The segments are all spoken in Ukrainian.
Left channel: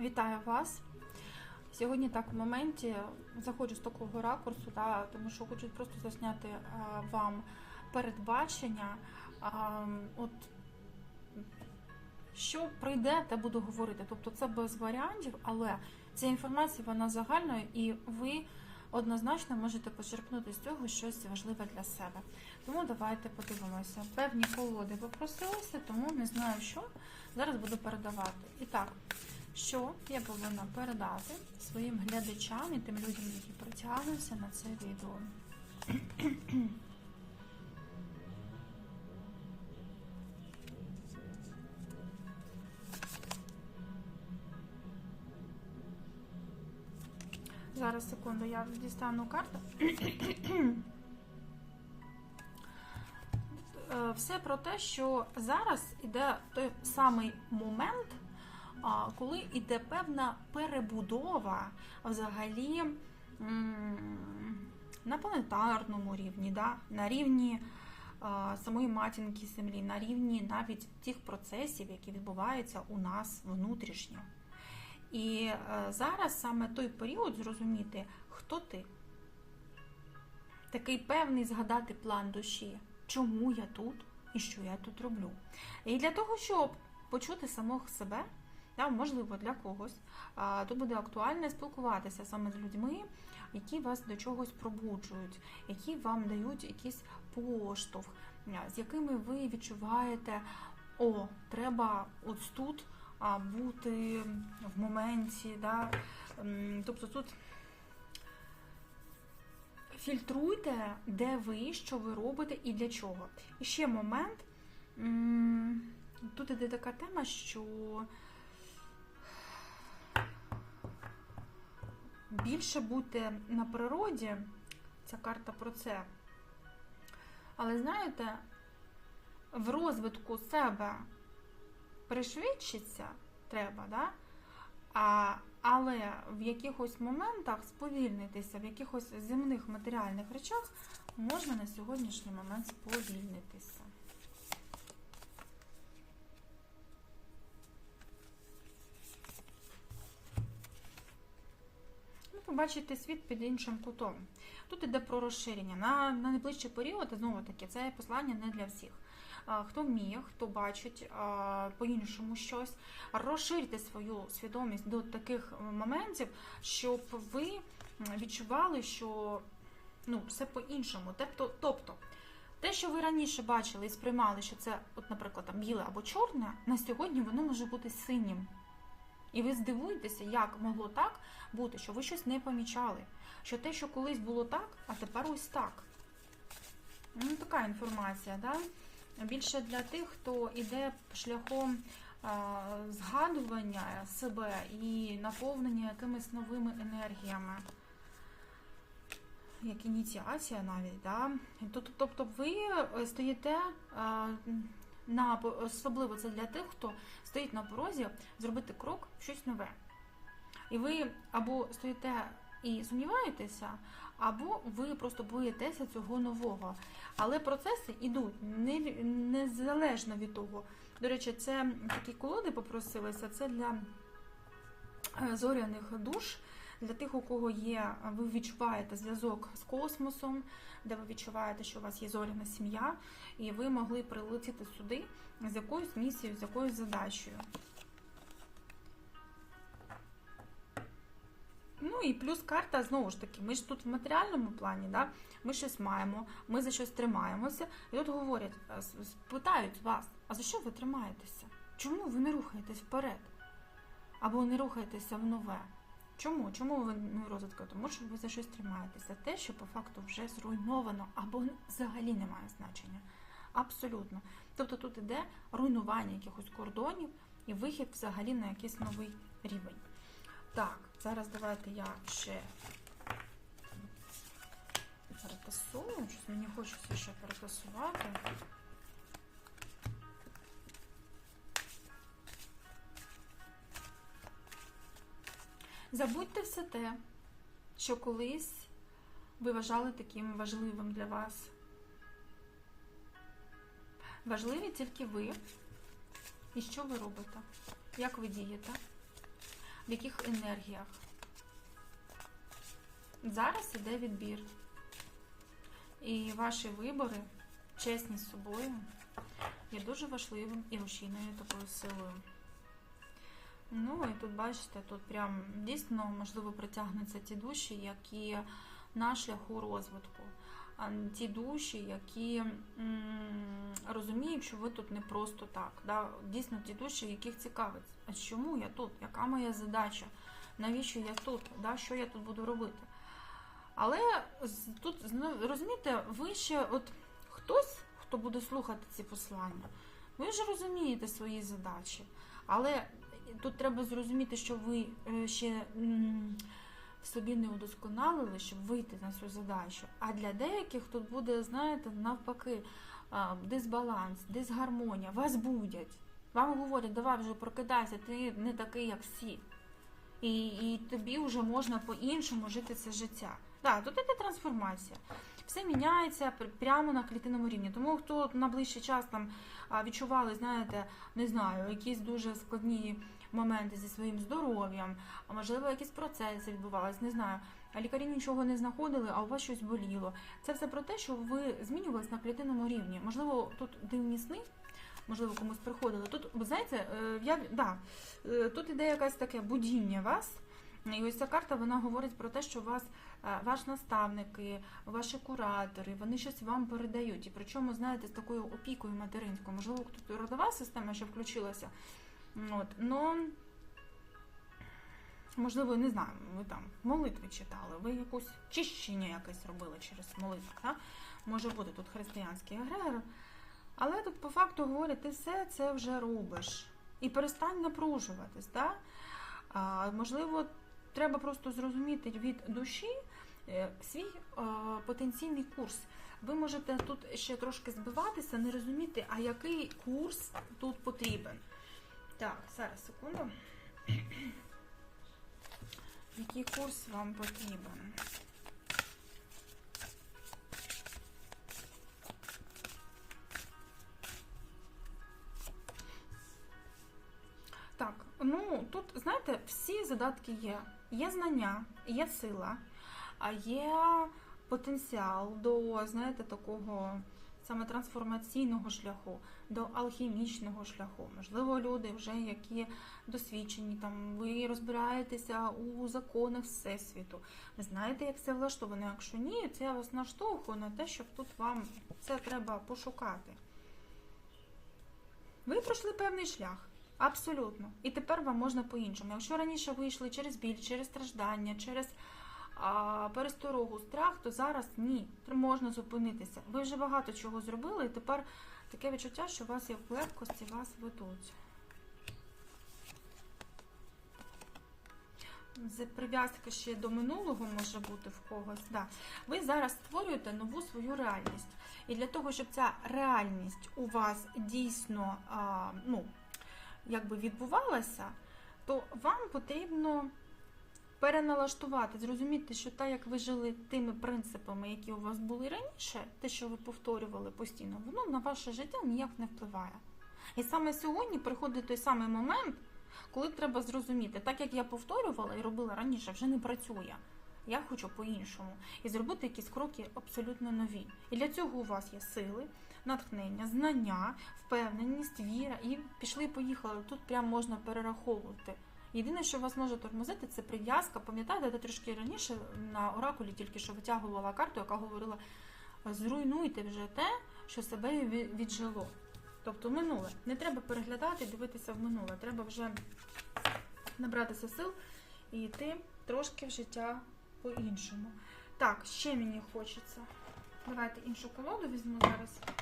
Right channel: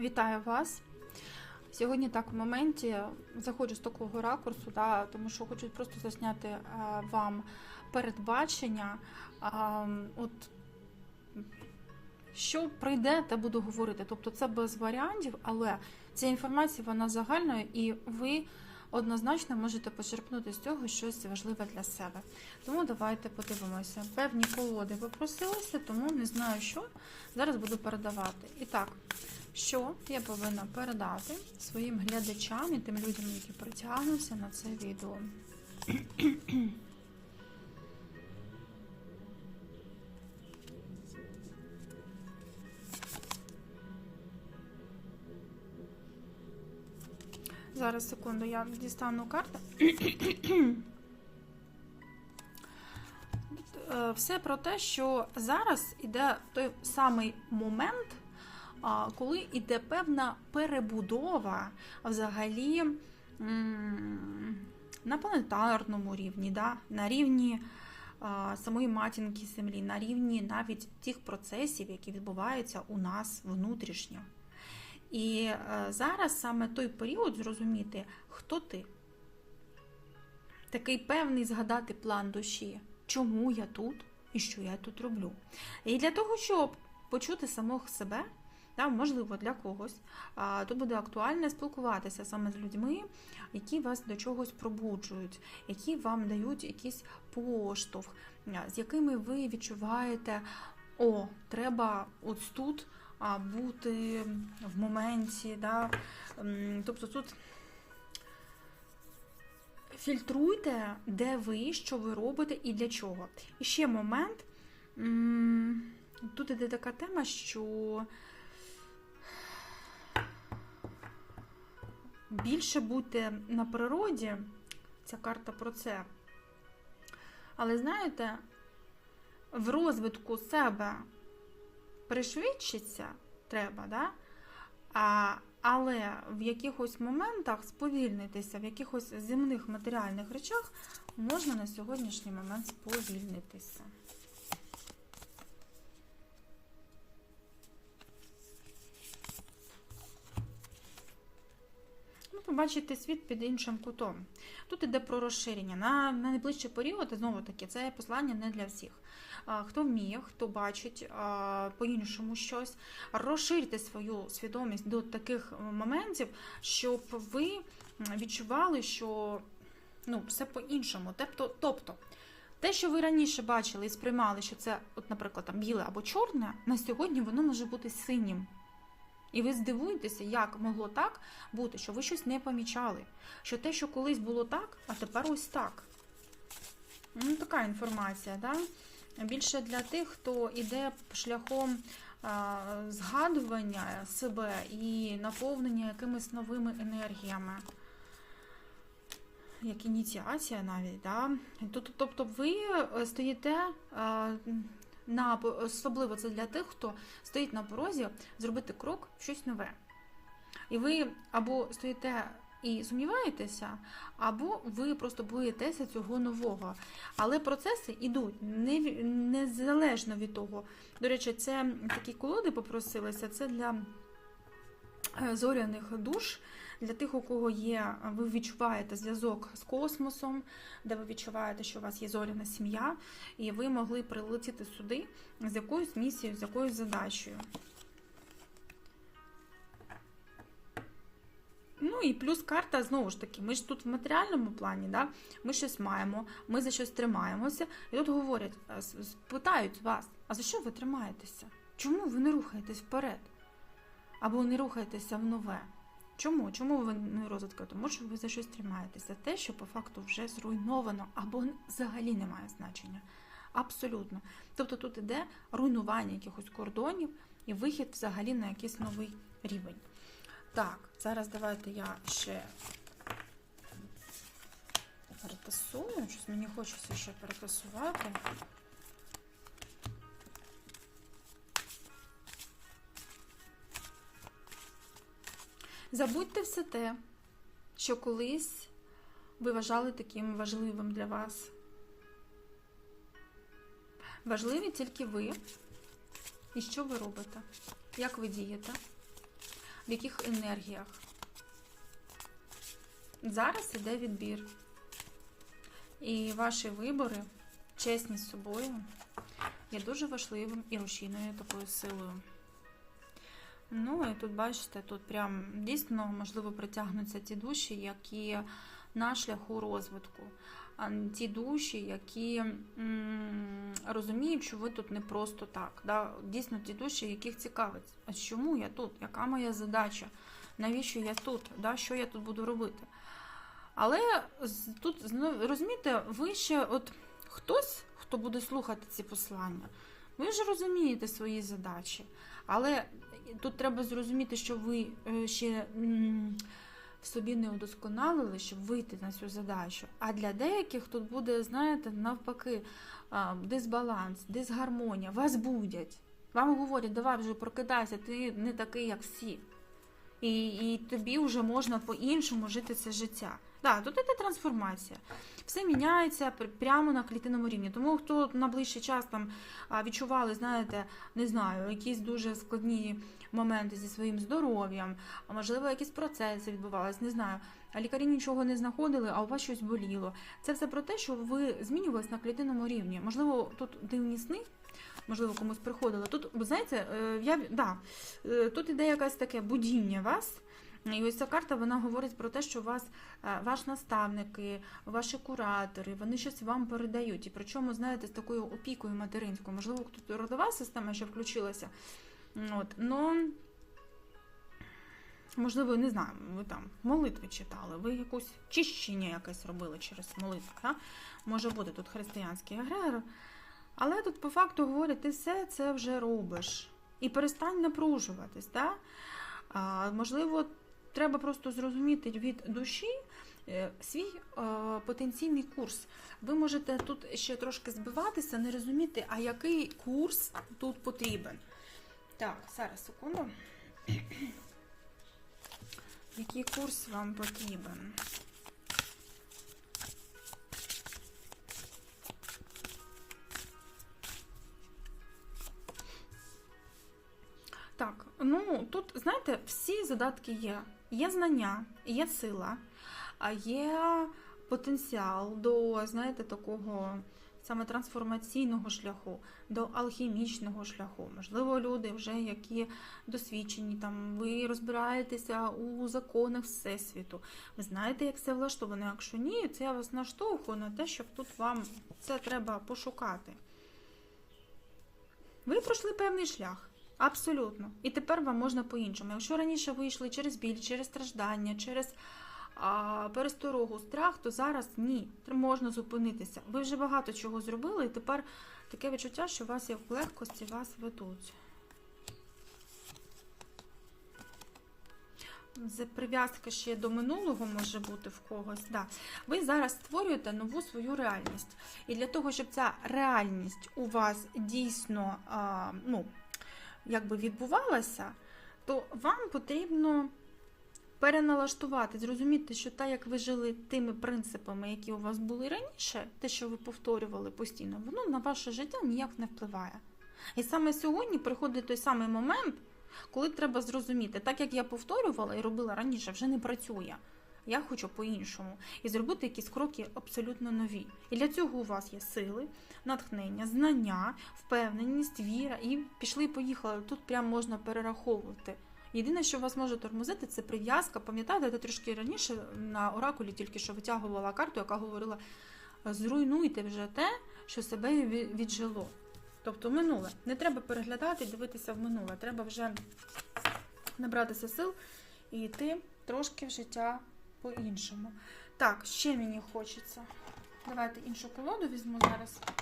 Вітаю вас. Сьогодні так в моменті заходжу з такого ракурсу, да, тому що хочу просто засняти е, вам передбачення. А, от що прийде, те буду говорити. Тобто це без варіантів, але ця інформація вона загальна, і ви однозначно можете почерпнути з цього щось важливе для себе. Тому давайте подивимося. Певні колоди попросилися, тому не знаю, що зараз буду передавати. І так, що я повинна передати своїм глядачам і тим людям, які притягнуться на це відео. Зараз секунду, я дістану карту. Е, Все про те, що зараз іде той самий момент, коли іде певна перебудова взагалі на планетарному рівні, да? на рівні самої матінки землі, на рівні навіть тих процесів, які відбуваються у нас внутрішньо. І е, зараз саме той період зрозуміти, хто ти. Такий певний згадати план душі, чому я тут і що я тут роблю. І для того, щоб почути самого себе, да, можливо, для когось, тут буде актуально спілкуватися саме з людьми, які вас до чогось пробуджують, які вам дають якийсь поштовх, з якими ви відчуваєте, о, треба ось тут бути в моменті. Да? Тобто тут фільтруйте, де ви, що ви робите і для чого. І ще момент. Тут іде така тема, що більше будьте на природі, ця карта про це. Але знаєте, в розвитку себе пришвидшиться треба, да? А, але в якихось моментах сповільнитися, в якихось земних матеріальних речах можна на сьогоднішній момент сповільнитися. Побачите світ під іншим кутом. Тут іде про розширення. На, на найближчий період, знову таки, це послання не для всіх. Хто вміє, хто бачить по-іншому щось, розширте свою свідомість до таких моментів, щоб ви відчували, що ну, все по-іншому. Тобто, тобто, те, що ви раніше бачили і сприймали, що це, от, наприклад, там біле або чорне, на сьогодні воно може бути синім. І ви здивуєтеся, як могло так бути, що ви щось не помічали. Що те, що колись було так, а тепер ось так. Ну, така інформація, да? Більше для тих, хто йде шляхом згадування себе і наповнення якимись новими енергіями. Як ініціація навіть, да? Тобто ви стоїте а, на особливо це для тих, хто стоїть на порозі зробити крок в щось нове. І ви або стоїте і сумніваєтеся, або ви просто боїтеся цього нового. Але процеси йдуть не- незалежно від того. До речі, це такі колоди попросилися, це для е, зоряних душ. Для тих, у кого є, ви відчуваєте зв'язок з космосом, де ви відчуваєте, що у вас є зоряна сім'я, і ви могли прилетіти сюди з якоюсь місією, з якоюсь задачею. Ну і плюс карта, знову ж таки, ми ж тут в матеріальному плані, да? ми щось маємо, ми за щось тримаємося. І тут говорять, питають вас, а за що ви тримаєтеся? Чому ви не рухаєтесь вперед? Або не рухаєтеся в нове? Чому? Чому ви не розвитку? Тому що ви за щось тримаєтеся. Те, що по факту вже зруйновано, або взагалі не має значення. Абсолютно. Тобто тут іде руйнування якихось кордонів і вихід взагалі на якийсь новий рівень. Так, зараз давайте я ще переписую. Щось мені хочеться ще переписувати. Забудьте все те, що колись ви вважали таким важливим для вас. Важливі тільки ви і що ви робите, як ви дієте. в яких енергіях. Зараз іде відбір. І ваші вибори, чесні з собою, є дуже важливим і рушійною такою силою. Ну і тут бачите, тут прям дійсно можливо притягнуться ті душі, які на шляху розвитку. Ті душі, які розуміють, що ви тут не просто так. Да? Дійсно, ті душі, яких цікавить, а чому я тут? Яка моя задача? Навіщо я тут? Да? Що я тут буду робити? Але тут знову розумієте, ви ще от хтось, хто буде слухати ці послання, ви вже розумієте свої задачі. Але тут треба зрозуміти, що ви е, ще собі не удосконалили, щоб вийти на цю задачу. А для деяких тут буде, знаєте, навпаки, дисбаланс, дисгармонія. Вас будять. Вам говорять, давай вже прокидайся, ти не такий, як всі. І, і тобі вже можна по-іншому жити це життя. Так, тут іде трансформація. Все міняється прямо на клітинному рівні. Тому хто на ближчий час там відчували, знаєте, не знаю, якісь дуже складні моменти зі своїм здоров'ям, можливо, якісь процеси відбувалися, не знаю. А лікарі нічого не знаходили, а у вас щось боліло. Це все про те, що ви змінювались на клітинному рівні. Можливо, тут дивні сни, можливо, комусь приходило. Тут, ви знаєте, е, я да, е, тут іде якесь таке будіння вас. І ось ця карта вона говорить про те, що вас е, ваш наставники, ваші куратори, вони щось вам передають. І причому, знаєте, з такою опікою материнською. Можливо, тут родова система ще включилася. От, ну, можливо, не знаю, ви там молитви читали, ви якусь чищення якесь робили через молитву. Да? Може бути тут християнський егрегор. Але тут по факту говорять, ти все це вже робиш. І перестань напружуватись. Да? А, можливо, треба просто зрозуміти від душі е, свій е, потенційний курс. Ви можете тут ще трошки збиватися, не розуміти, а який курс тут потрібен. Так, зараз секунду. Який курс вам потрібен? Ну тут, знаєте, всі задатки є. Є знання, є сила, а є потенціал до, знаєте, такого саме трансформаційного шляху, до алхімічного шляху. Можливо, люди вже які досвідчені, там ви розбираєтеся у законах Всесвіту. Ви знаєте, як це влаштовано. Якщо ні, це я вас наштовхую на те, щоб тут вам це треба пошукати. Ви пройшли певний шлях. Абсолютно. І тепер вам можна по-іншому. Якщо раніше ви йшли через біль, через страждання, через а, пересторогу, страх, то зараз ні, можна зупинитися. Ви вже багато чого зробили, і тепер таке відчуття, що вас як в легкості вас ведуть. Прив'язка ще до минулого може бути в когось. Да. Ви зараз створюєте нову свою реальність. І для того, щоб ця реальність у вас дійсно а, ну, якби відбувалася, то вам потрібно переналаштувати, зрозуміти, що так, як ви жили тими принципами, які у вас були раніше, те, що ви повторювали постійно, воно на ваше життя ніяк не впливає. І саме сьогодні приходить той самий момент, коли треба зрозуміти, так як я повторювала і робила раніше, вже не працює. Я хочу по-іншому і зробити якісь кроки абсолютно нові. І для цього у вас є сили, натхнення, знання, впевненість, віра, і пішли, поїхали. Тут прям можна перераховувати. Єдине, що вас може тормозити, це прив'язка. Пам'ятаєте, я трішки раніше на оракулі тільки що витягувала карту, яка говорила: зруйнуйте вже те, що себе віджило. Тобто минуле. Не треба переглядати, дивитися в минуле. Треба вже набратися сил і йти трошки в життя по-іншому. Так, ще мені хочеться. Давайте іншу колоду візьму зараз.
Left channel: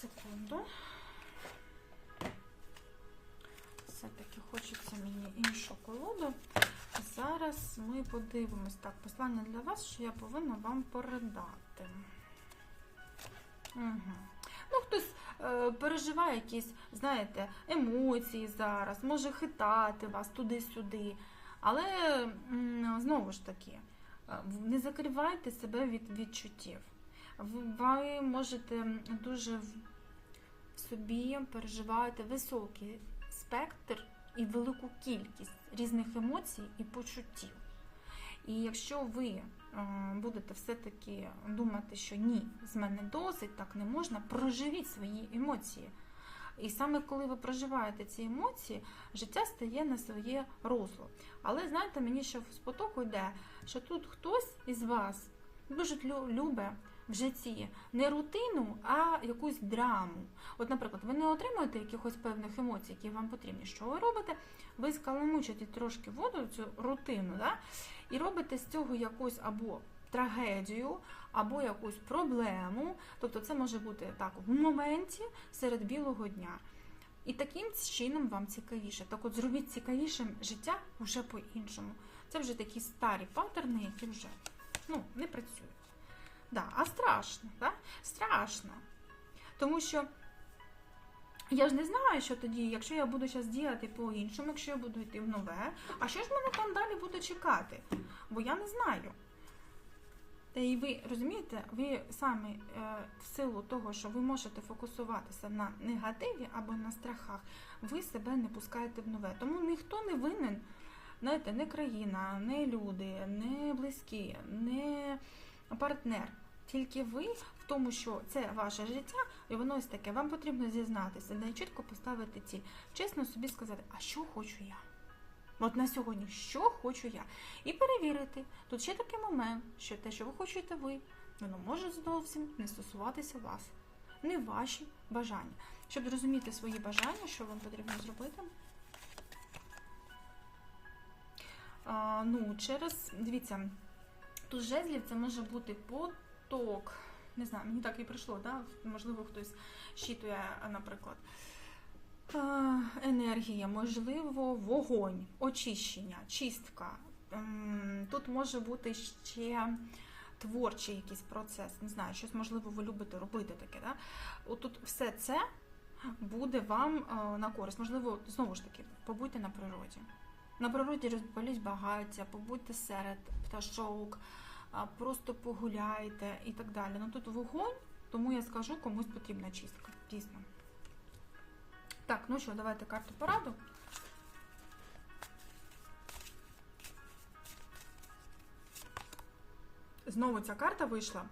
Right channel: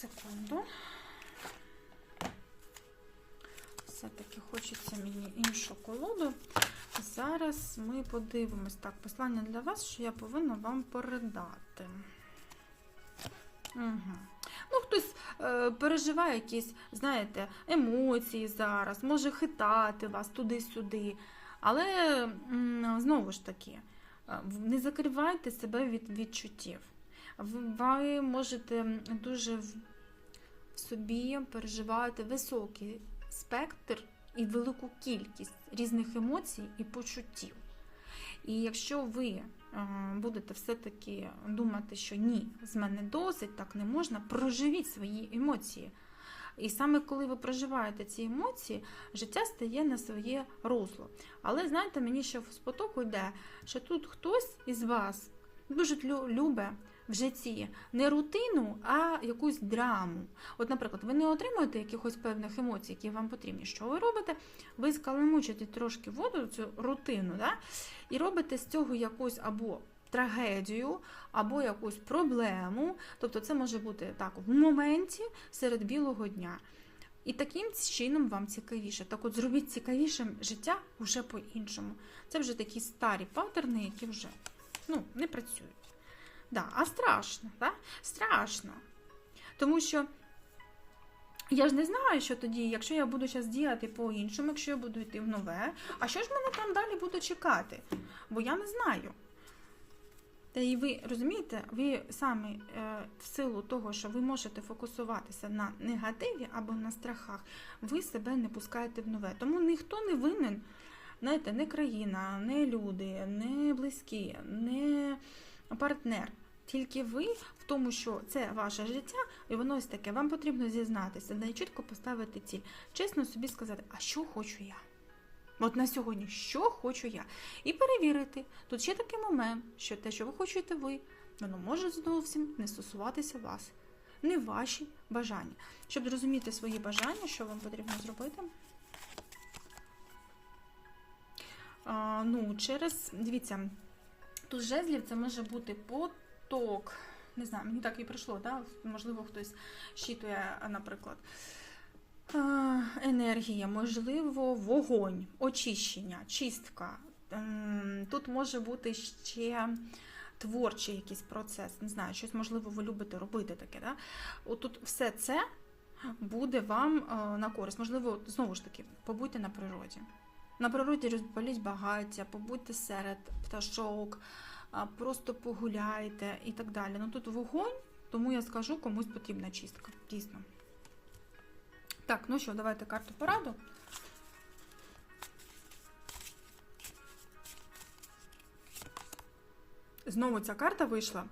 Секунду. Все-таки хочеться мені іншу колоду. Зараз ми подивимось. Так, послання для вас, що я повинна вам передати. Угу. Ну, хтось е, переживає якісь, знаєте, емоції зараз, може хитати вас туди-сюди. Але м, знову ж таки, е, не закривайте себе від відчуттів. Ви, можете дуже в, собі переживати високий спектр і велику кількість різних емоцій і почуттів. І якщо ви е, будете все-таки думати, що ні, з мене досить, так не можна, проживіть свої емоції. І саме коли ви проживаєте ці емоції, життя стає на своє русло. Але знаєте, мені ще в спотоку йде, що тут хтось із вас дуже лю- любить в житті не рутину, а якусь драму. От, наприклад, ви не отримуєте якихось певних емоцій, які вам потрібні. Що ви робите? Ви скаламучите трошки воду, цю рутину, да? і робите з цього якусь або трагедію, або якусь проблему. Тобто це може бути так в моменті серед білого дня. І таким чином вам цікавіше. Так от зробіть цікавішим життя вже по-іншому. Це вже такі старі паттерни, які вже ну, не працюють. Да, а страшно, да? страшно. Тому що я ж не знаю, що тоді, якщо я буду зараз діяти по-іншому, якщо я буду йти в нове, а що ж мене там далі буде чекати? Бо я не знаю. Та і ви розумієте, ви самі е, в силу того, що ви можете фокусуватися на негативі або на страхах, ви себе не пускаєте в нове. Тому ніхто не винен, знаєте, не країна, не люди, не близькі, не партнер. Тільки ви в тому, що це ваше життя, і воно ось таке. Вам потрібно зізнатися, і чітко поставити ціль. Чесно собі сказати, а що хочу я? От на сьогодні, що хочу я? І перевірити. Тут ще такий момент, що те, що ви хочете ви, воно може зовсім не стосуватися вас, не ваші бажання. Щоб зрозуміти свої бажання, що вам потрібно зробити. А, ну, через, дивіться, тут жезлів це може бути поток. Не знаю, мені так і прийшло, да? можливо, хтось щитує, наприклад. Е, енергія, можливо, вогонь, очищення, чистка. Ем, Тут може бути ще творчий якийсь процес. Не знаю, щось можливо ви любите робити таке. Да? Отут все це буде вам е, на користь. Можливо, знову ж таки, побудьте на природі. На природі розпаліть багаття, побудьте серед пташок, просто погуляйте і так далі. Ну тут вогонь, тому я скажу, комусь потрібна чистка. Дійсно. Так, ну що, давайте карту пораду. Знову ця карта вийшла.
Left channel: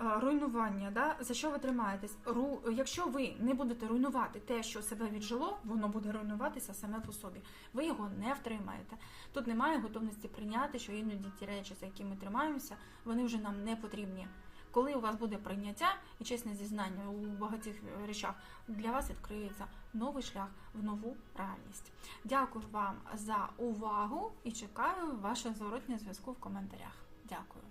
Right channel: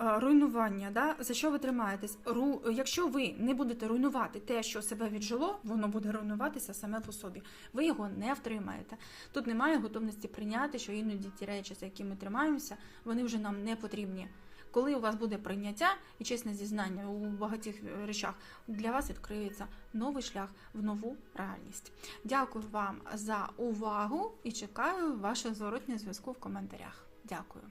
Е, Руйнування, да? за що ви тримаєтесь? Ру... Якщо ви не будете руйнувати те, що себе віджило, воно буде руйнуватися саме по собі. Ви його не втримаєте. Тут немає готовності прийняти, що іноді ті речі, за які ми тримаємося, вони вже нам не потрібні. Коли у вас буде прийняття і чесне зізнання у багатьох речах, для вас відкриється новий шлях в нову реальність. Дякую вам за увагу і чекаю вашого зворотнього зв'язку в коментарях. Дякую.